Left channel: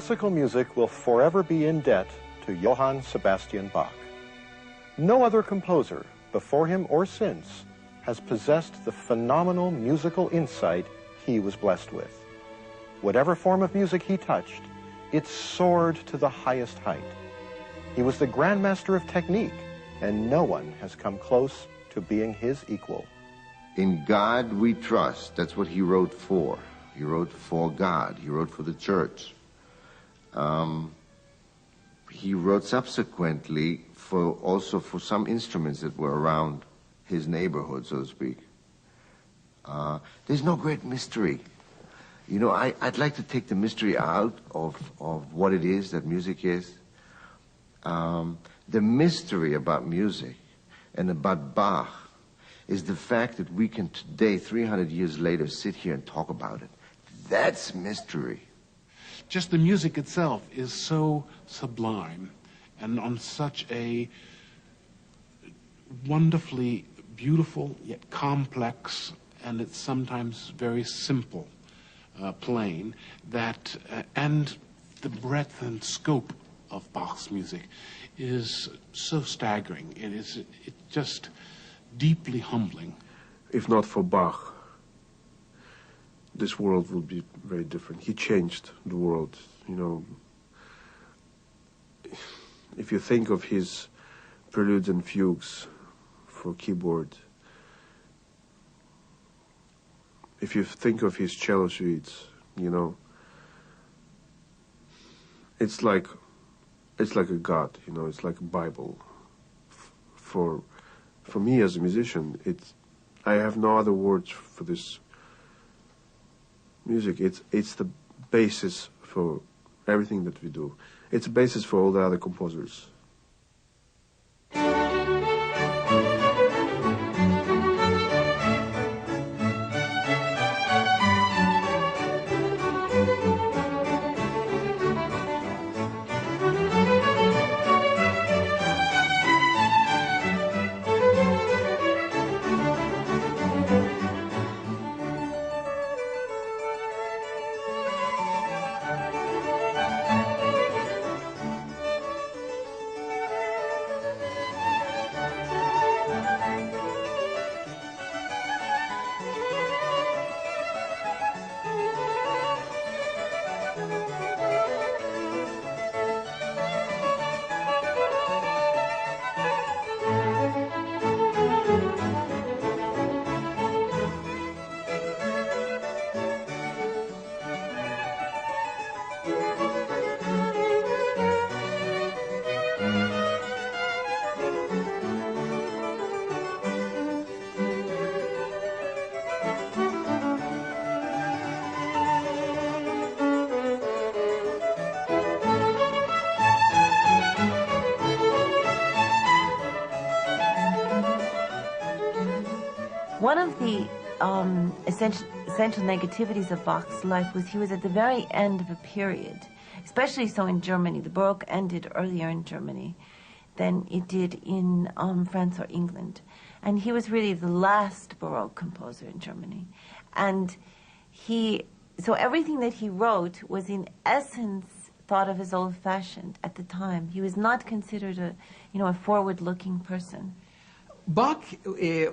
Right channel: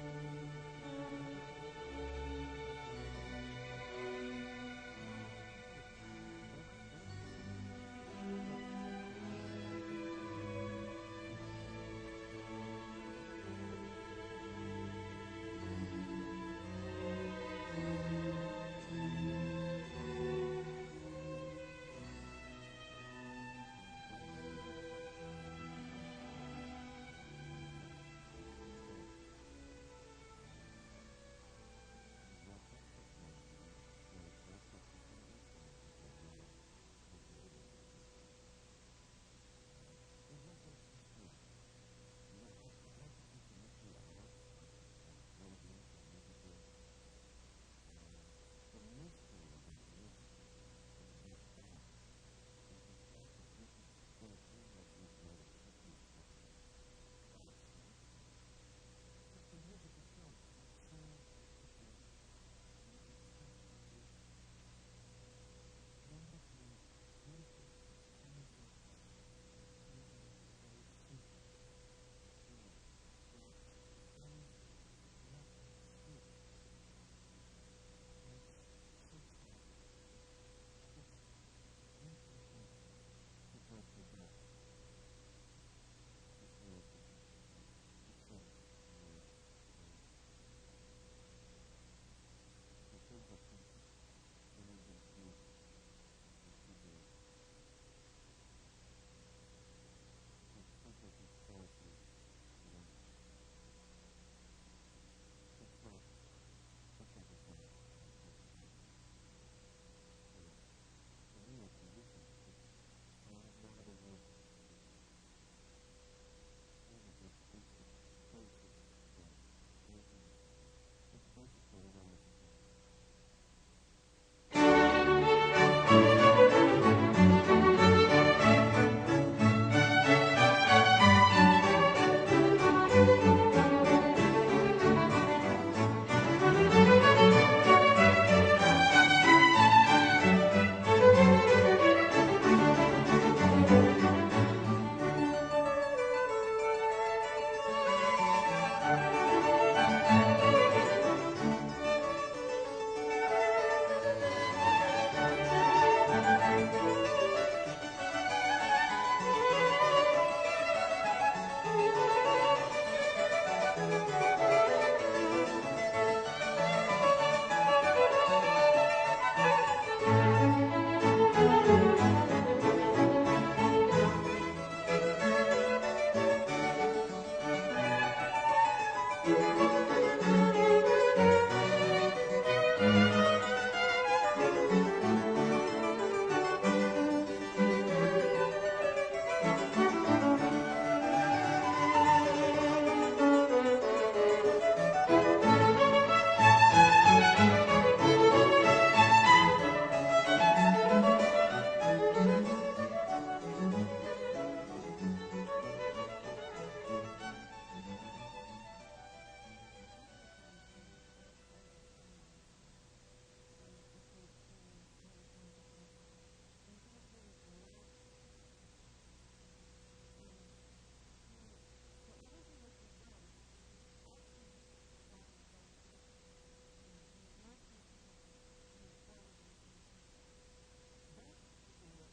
classical music will forever be in debt to Johann Sebastian Bach. No other composer, before him or since, has possessed the phenomenal musical insight he was blessed with. Whatever form of music he touched, it soared to the highest height. He was the grandmaster of technique, and no one has come close to being his equal. In God we trust. That's what he wrote for. He wrote for God. He wrote for the church. He wrote subsequently also for some instruments that were around his neighborhood, so to speak. There's no great mystery. You know, I'd like to take the mystery out of what it is that music is. The mystery about music and about Bach is the fact that we can today, 300 years later, sit here and talk about it. That's mystery. Just the music itself is so sublime and on such a wonderfully beautiful yet complex, and it's sometimes very simple playing, that and the breadth and scope of Bach's music is so staggering. It's just deeply humbling. If not for Bach, this world would be very different. He changed the world, you know. If you think of his preludes and fugues for keyboard, if you think of his cello suites, you know, it's like a God, you know, it's like a Bible. For me as a musician, I have no other words for this music. It's the basis for everything that we do. It's a basis for all the other composers. One of the essential negativities of Bach's life was he was at the very end of a period, especially so in Germany. The Baroque ended earlier in Germany than it did in France or England. And he was really the last Baroque composer in Germany. And so everything that he wrote was in essence thought of as old-fashioned at the time. He was not considered a forward-looking person. Bach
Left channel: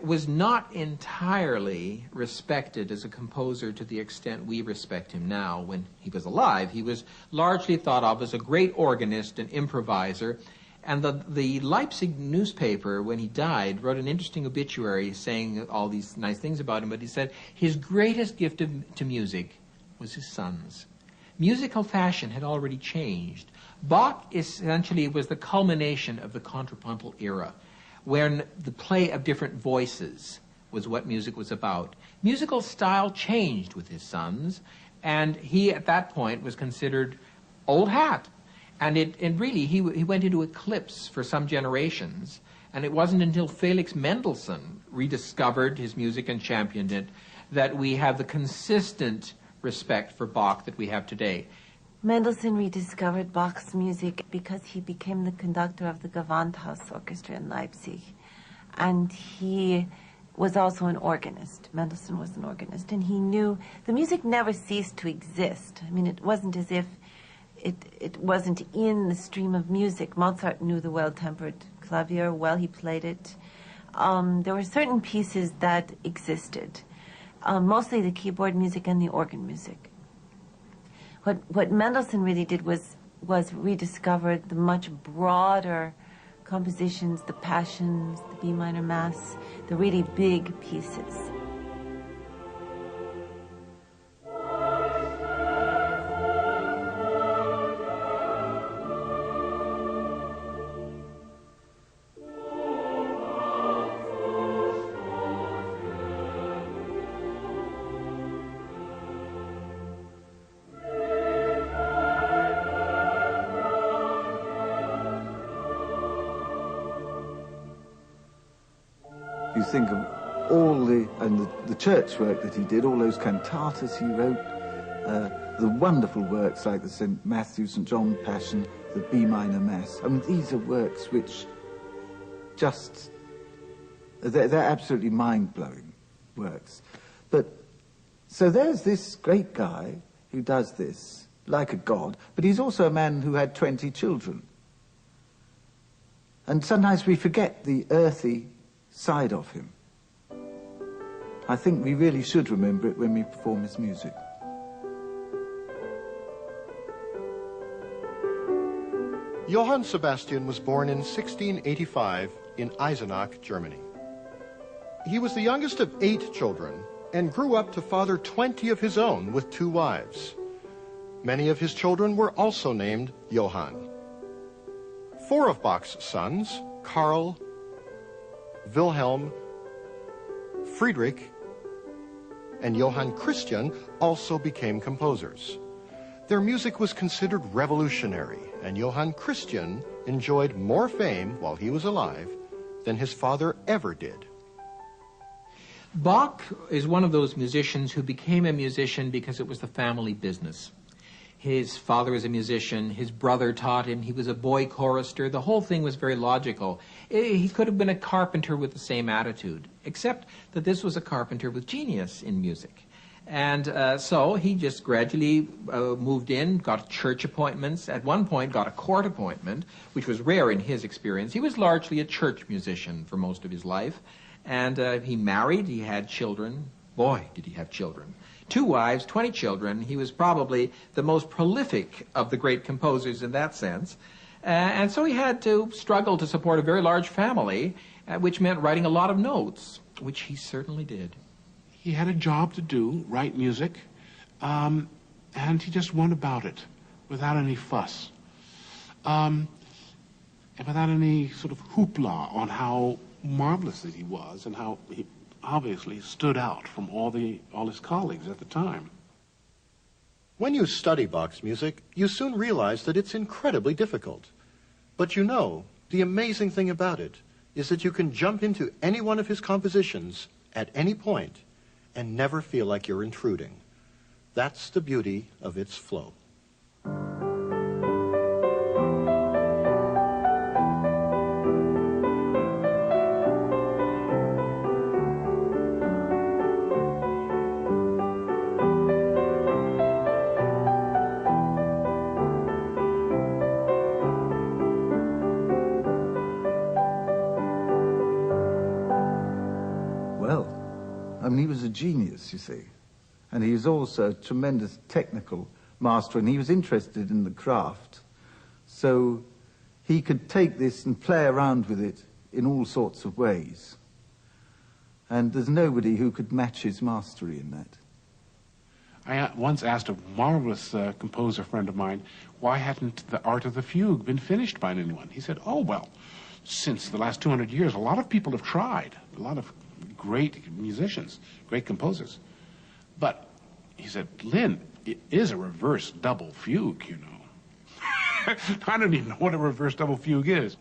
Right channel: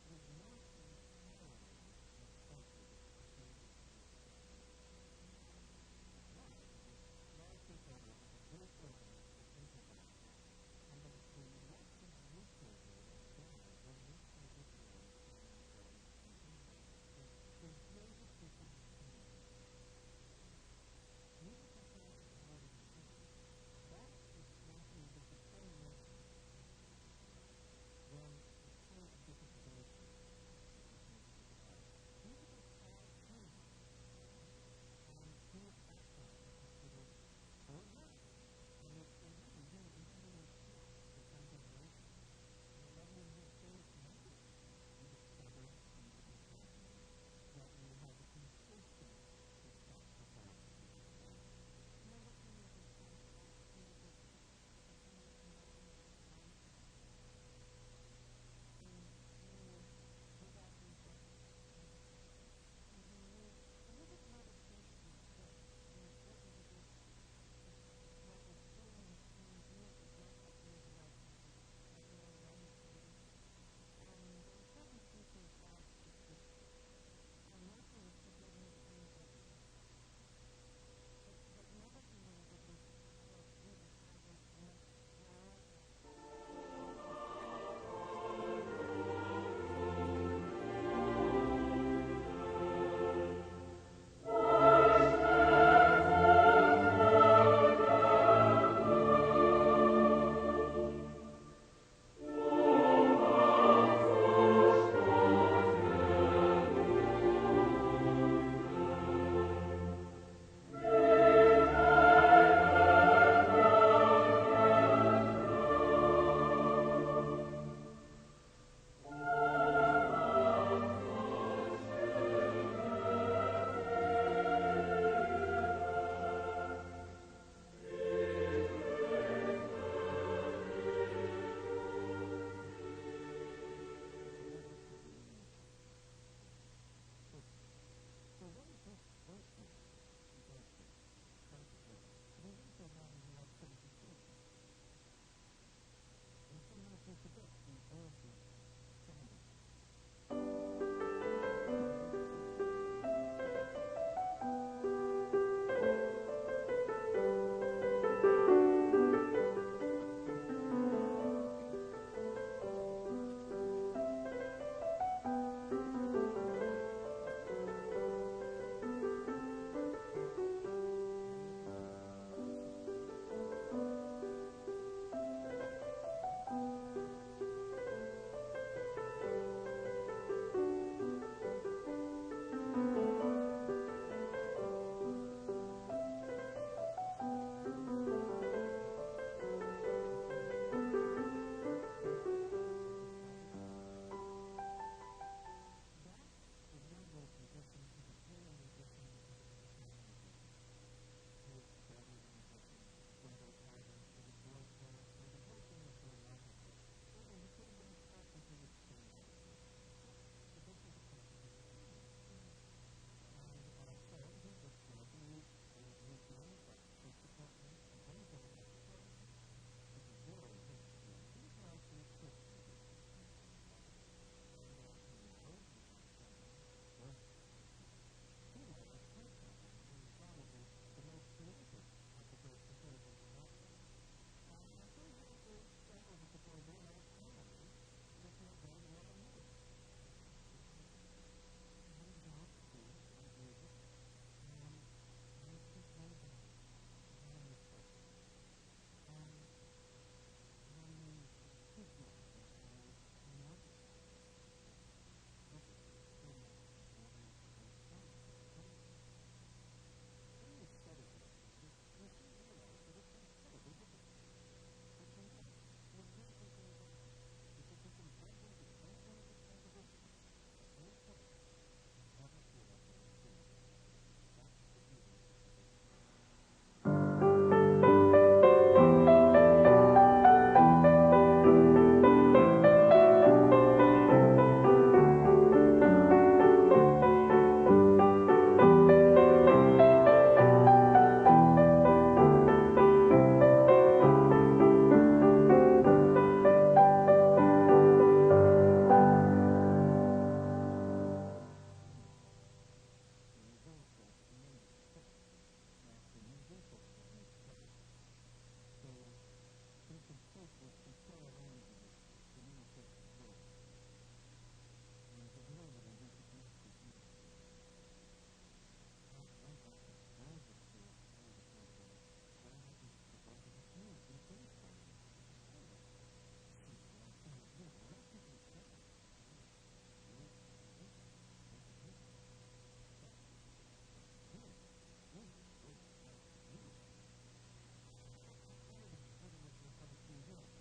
was not entirely respected as a composer to the extent we respect him now. When he was alive, he was largely thought of as a great organist and improviser. And the Leipzig newspaper, when he died, wrote an interesting obituary saying all these nice things about him, but he said his greatest gift to music was his sons. Musical fashion had already changed. Bach essentially was the culmination of the contrapuntal era, when the play of different voices was what music was about. Musical style changed with his sons, and he at that point was considered old hat. And really, he went into eclipse for some generations, and it wasn't until Felix Mendelssohn rediscovered his music and championed it that we have the consistent respect for Bach that we have today. Mendelssohn rediscovered Bach's music because he became the conductor of the Gewandhaus Orchestra in Leipzig. And he was also an organist. Mendelssohn was an organist. And he knew the music never ceased to exist. I mean, it wasn't as if it wasn't in the stream of music. Mozart knew the well-tempered clavier well. He played it. There were certain pieces that existed, mostly the keyboard music and the organ music. What Mendelssohn really did was rediscover the much broader compositions, the Passions, the B minor Mass, the really big pieces. You think of all the church work that he did, all those cantatas he wrote, the wonderful works like the St. Matthew, St. John Passion, the B minor Mass. I mean, these are works which just, they're absolutely mind-blowing works. But, so there's this great guy who does this, like a god, but he's also a man who had 20 children. And sometimes we forget the earthy side of him. I think we really should remember it when we perform his music. Johann Sebastian was born in 1685 in Eisenach, Germany. He was the youngest of 8 children and grew up to father 20 of his own with 2 wives. Many of his children were also named Johann. 4 of Bach's sons, Karl, Wilhelm, Friedrich, and Johann Christian also became composers. Their music was considered revolutionary, and Johann Christian enjoyed more fame while he was alive than his father ever did. Bach is one of those musicians who became a musician because it was the family business. His father was a musician, his brother taught him, he was a boy chorister. The whole thing was very logical. He could have been a carpenter with the same attitude, except that this was a carpenter with genius in music. And so he just gradually moved in, got church appointments, at one point got a court appointment, which was rare in his experience. He was largely a church musician for most of his life. And he married, he had children. Boy, did he have children. 2 wives, 20 children. He was probably the most prolific of the great composers in that sense. And so he had to struggle to support a very large family, which meant writing a lot of notes, which he certainly did. He had a job to do, write music, and he just went about it without any fuss, and without any sort of hoopla on how marvelous that he was and how he obviously stood out from all his colleagues at the time. When you study Bach's music, you soon realize that it's incredibly difficult. But you know, the amazing thing about it is that you can jump into any one of his compositions at any point and never feel like you're intruding. That's the beauty of its flow. He was a genius, you see. And he was also a tremendous technical master, and he was interested in the craft. So he could take this and play around with it in all sorts of ways. And there's nobody who could match his mastery in that. I once asked a marvelous composer friend of mine, why hadn't the art of the fugue been finished by anyone? He said, oh, well, since the last 200 years, a lot of people have tried, a lot of great musicians, great composers. But, he said, Lynn, it is a reverse double fugue, you know. I don't even know what a reverse double fugue is.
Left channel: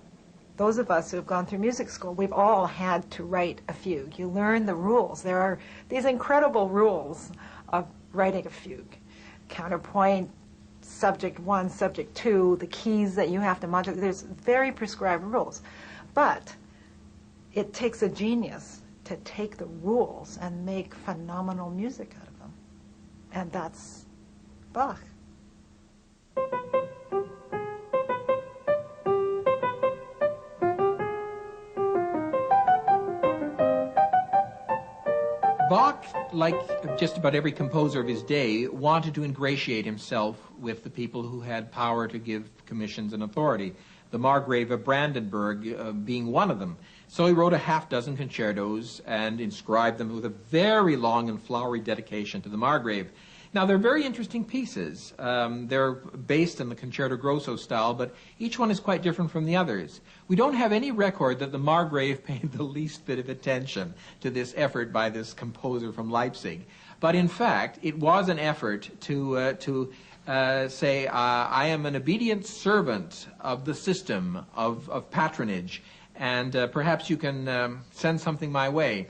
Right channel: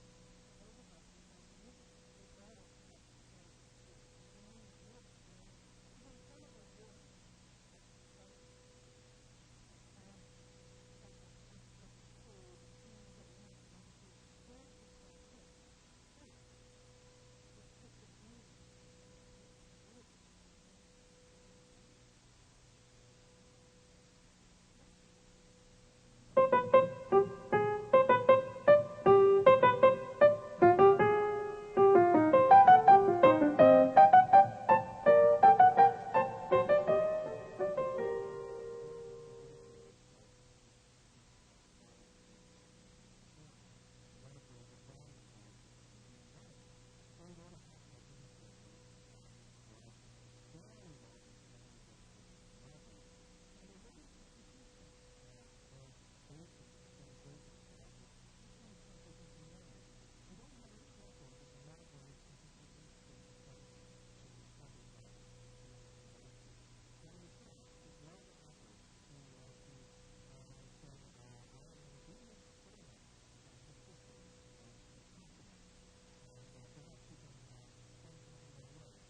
Those of us who have gone through music school, we've all had to write a fugue. You learn the rules. There are these incredible rules of writing a fugue. Counterpoint, subject 1, subject 2, the keys that you have to modulate. There's very prescribed rules. But it takes a genius to take the rules and make phenomenal music out of them. And that's Bach. like just about every composer of his day, wanted to ingratiate himself with the people who had power to give commissions and authority, the Margrave of Brandenburg being one of them. So he wrote a half-dozen concertos and inscribed them with a very long and flowery dedication to the Margrave. Now, they're very interesting pieces. They're based in the concerto grosso style, but each one is quite different from the others. We don't have any record that the Margrave paid the least bit of attention to this effort by this composer from Leipzig. But in fact, it was an effort to say, I am an obedient servant of the system of patronage, and perhaps you can send something my way.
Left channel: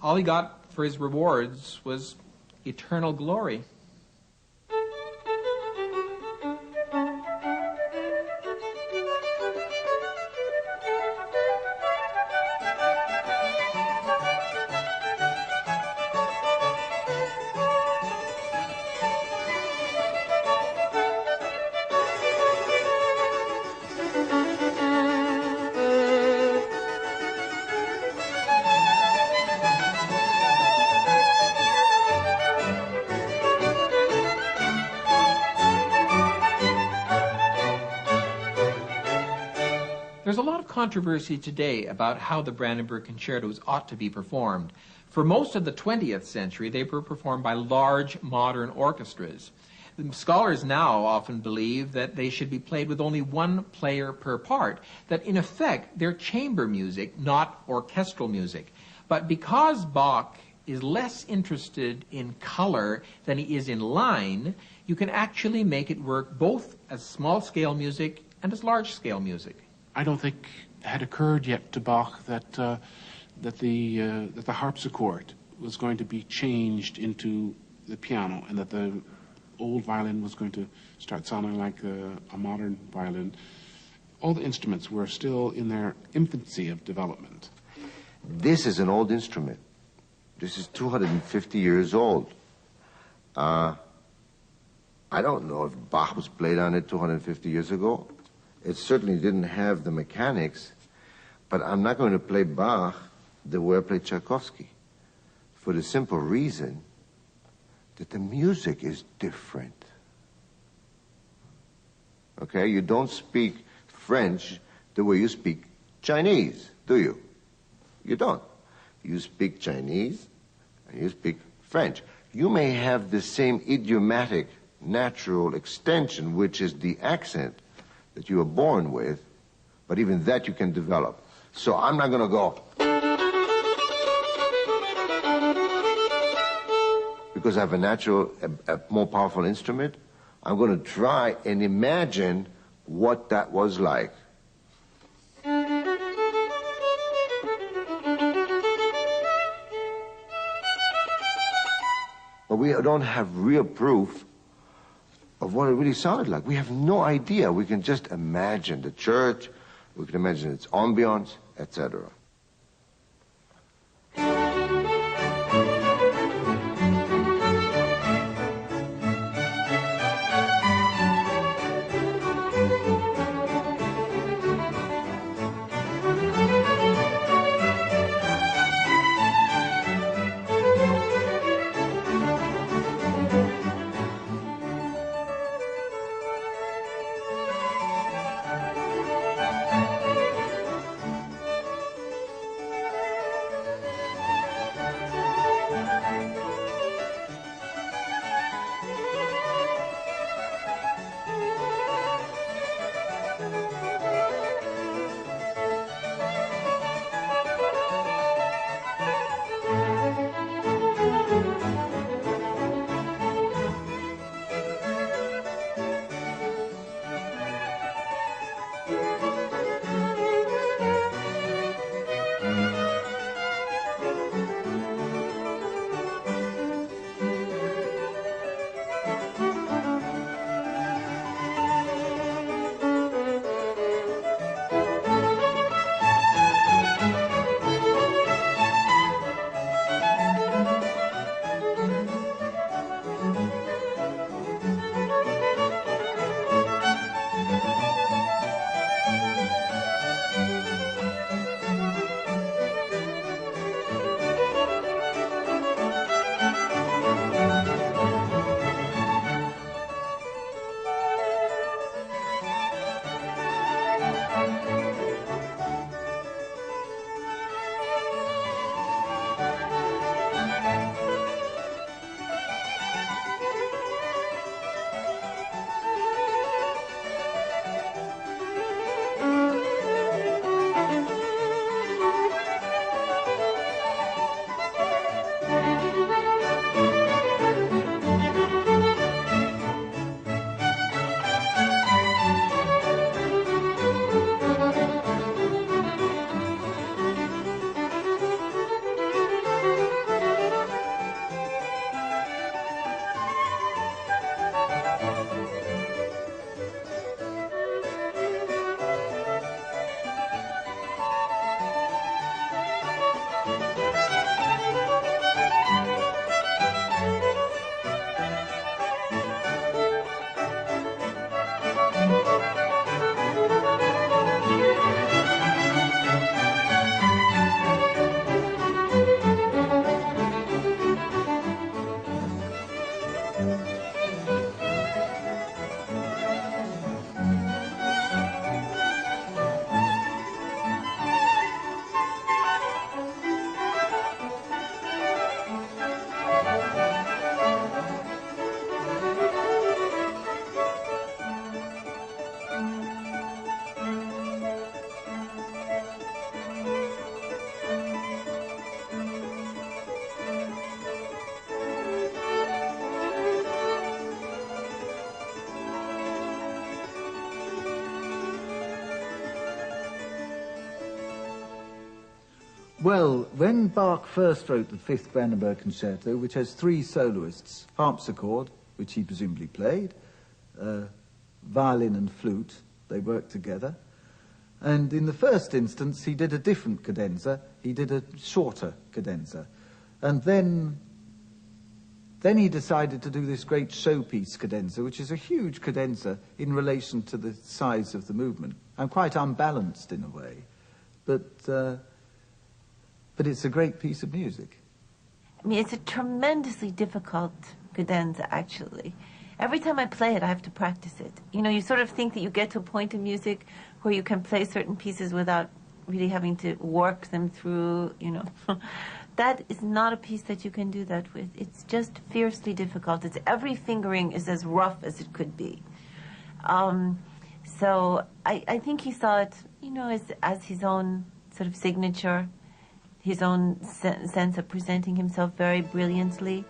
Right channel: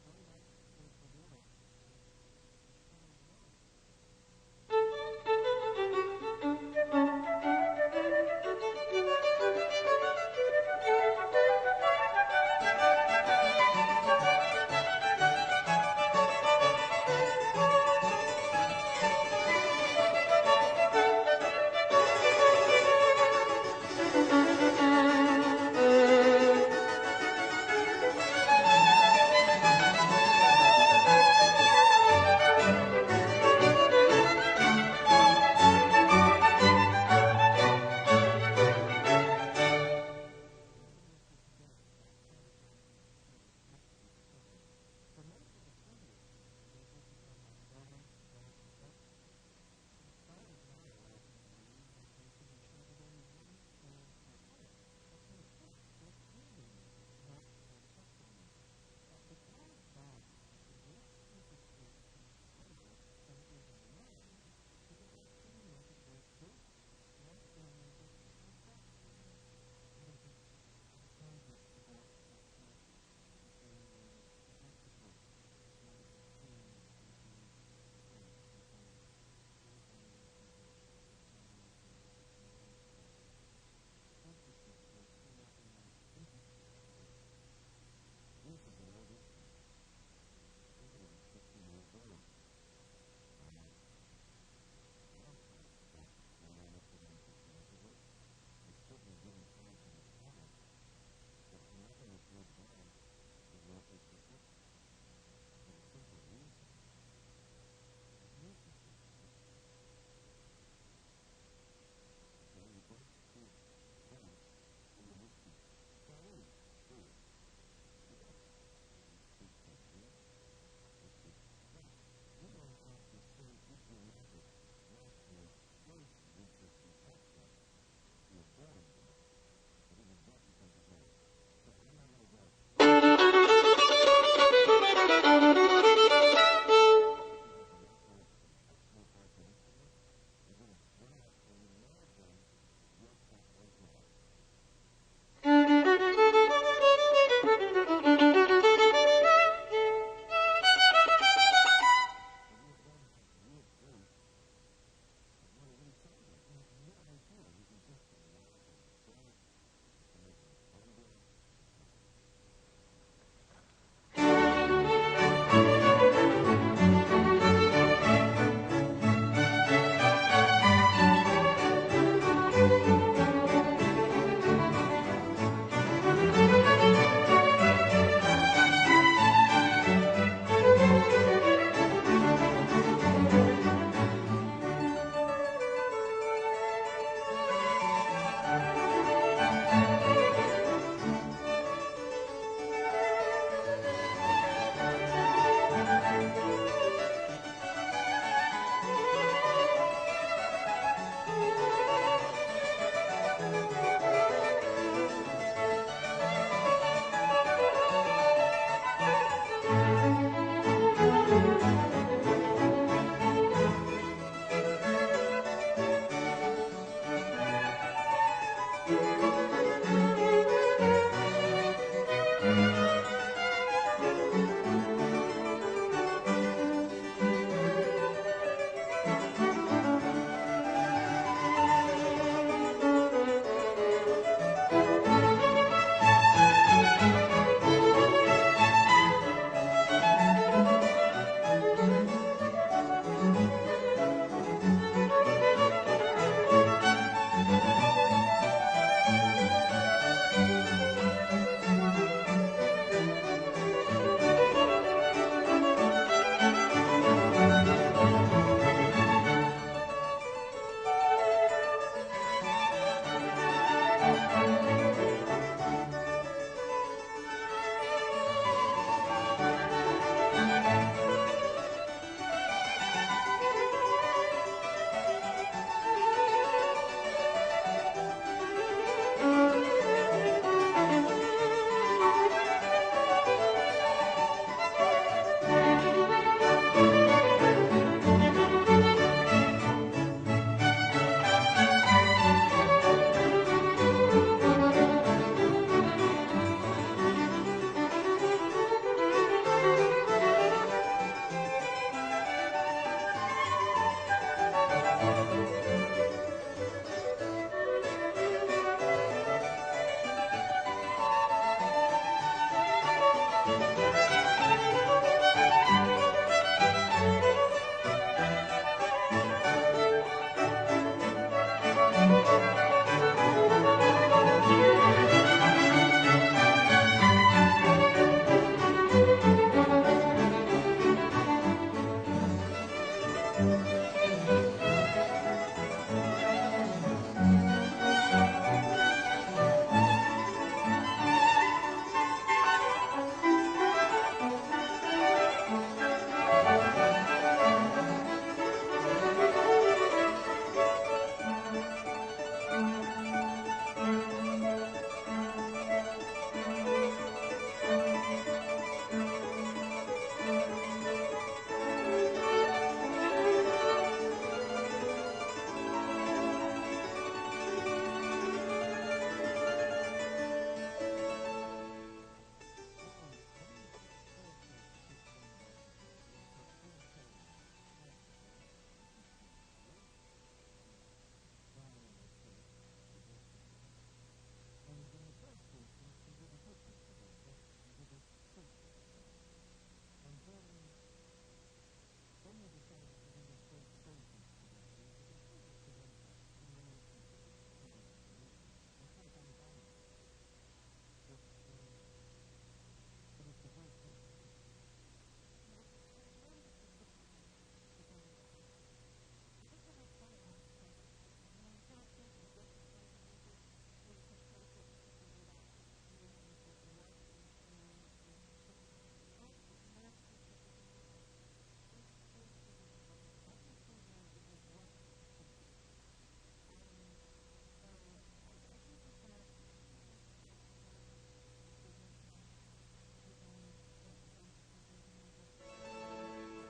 All he got for his rewards was eternal glory. There's a lot of controversy today about how the Brandenburg concertos ought to be performed. For most of the 20th century, they were performed by large modern orchestras. The scholars now often believe that they should be played with only one player per part, that in effect they're chamber music, not orchestral music. But because Bach is less interested in color than he is in line, you can actually make it work both as small-scale music and as large-scale music. I don't think it had occurred yet to Bach that the harpsichord was going to be changed into the piano, and that the old violin was going to start sounding like a modern violin. All the instruments were still in their infancy of development. This is an old instrument. This is 250 years old. I don't know if Bach was played on it 250 years ago. It certainly didn't have the mechanics, but I'm not going to play Bach the way I play Tchaikovsky, for the simple reason that the music is different. Okay, you don't speak French the way you speak Chinese, do you? You don't. You speak Chinese and you speak French. You may have the same idiomatic natural extension, which is the accent that you were born with, but even that you can develop. So I'm not going to go, because I have a natural, a more powerful instrument. I'm going to try and imagine what that was like. But we don't have real proof of what it really sounded like. We have no idea. We can just imagine the church, we can imagine its ambiance, etc. Well, when Bach first wrote the Fifth Brandenburg Concerto, which has 3 soloists, harpsichord, which he presumably played, violin and flute, they worked together. And in the first instance, he did a different cadenza. He did a shorter cadenza. And then he decided to do this great showpiece cadenza, which is a huge cadenza in relation to the size of the movement. I'm quite unbalanced in a way, but it's a great piece of music. I mean, it's a tremendously difficult cadenza, actually. Every time I play it, I have to practice it. You know, you sort of think that you get to a point in music where you can play certain pieces without really having to work them through, you know. That is not a piece that you can do that with. It's just fiercely difficult. It's every fingering is as rough as it could be. So I think he saw it, you know, as his own sort of signature, his own sense of presenting himself very brilliantly.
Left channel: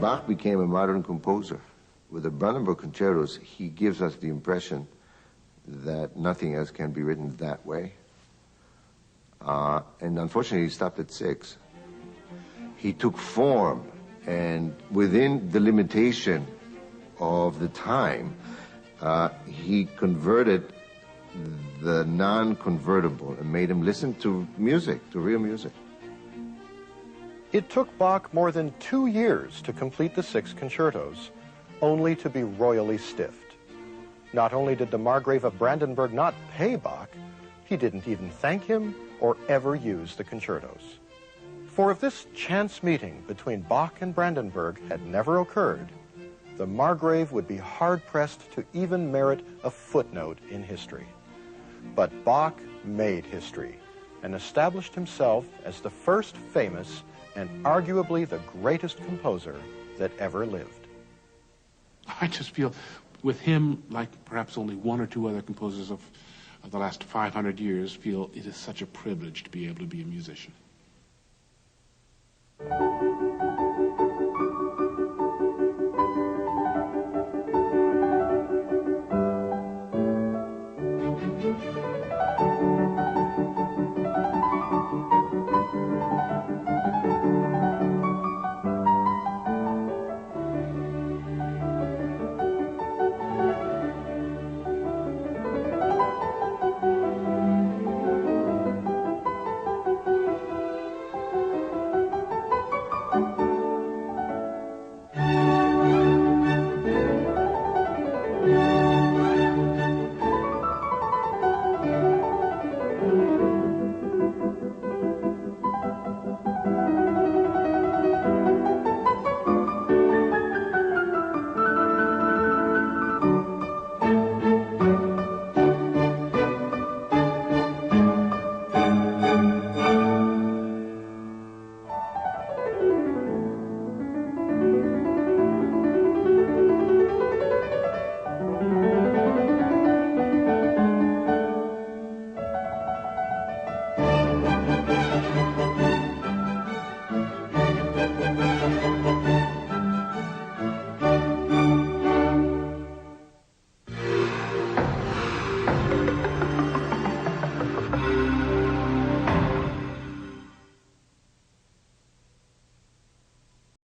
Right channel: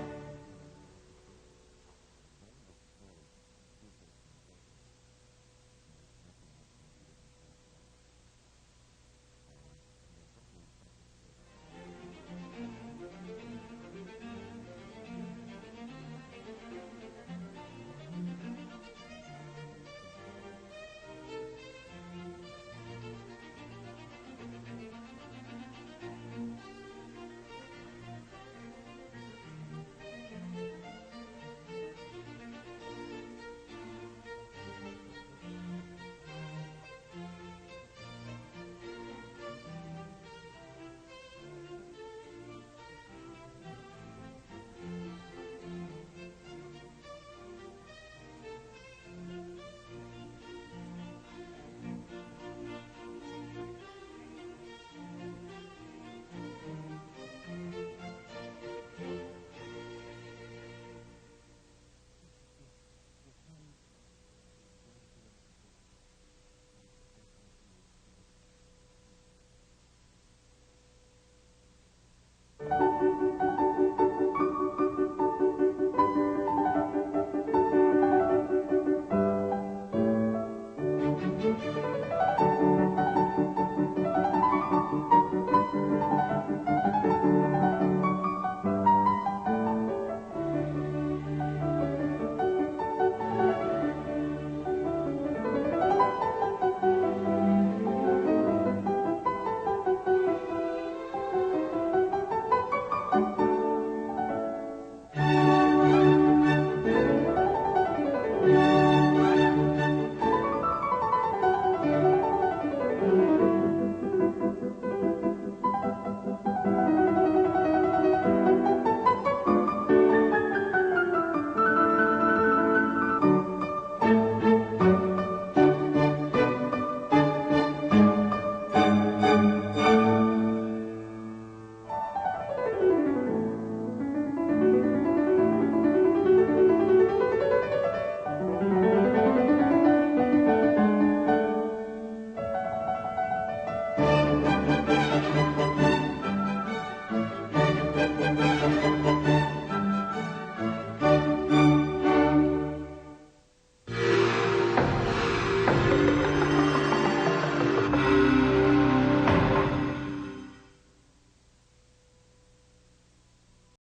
Bach became a modern composer. With the Brandenburg Concertos, he gives us the impression that nothing else can be written that way. And unfortunately, he stopped at 6. He took form, and within the limitation of the time, he converted the non-convertible and made him listen to music, to real music. It took Bach more than 2 years to complete the 6 concertos, only to be royally stiffed. Not only did the Margrave of Brandenburg not pay Bach, he didn't even thank him or ever use the concertos. For if this chance meeting between Bach and Brandenburg had never occurred, the Margrave would be hard-pressed to even merit a footnote in history. But Bach made history and established himself as the first famous and arguably the greatest composer that ever lived. I just feel with him, like perhaps only one or two other composers of the last 500 years, feel it is such a privilege to be able to be a musician.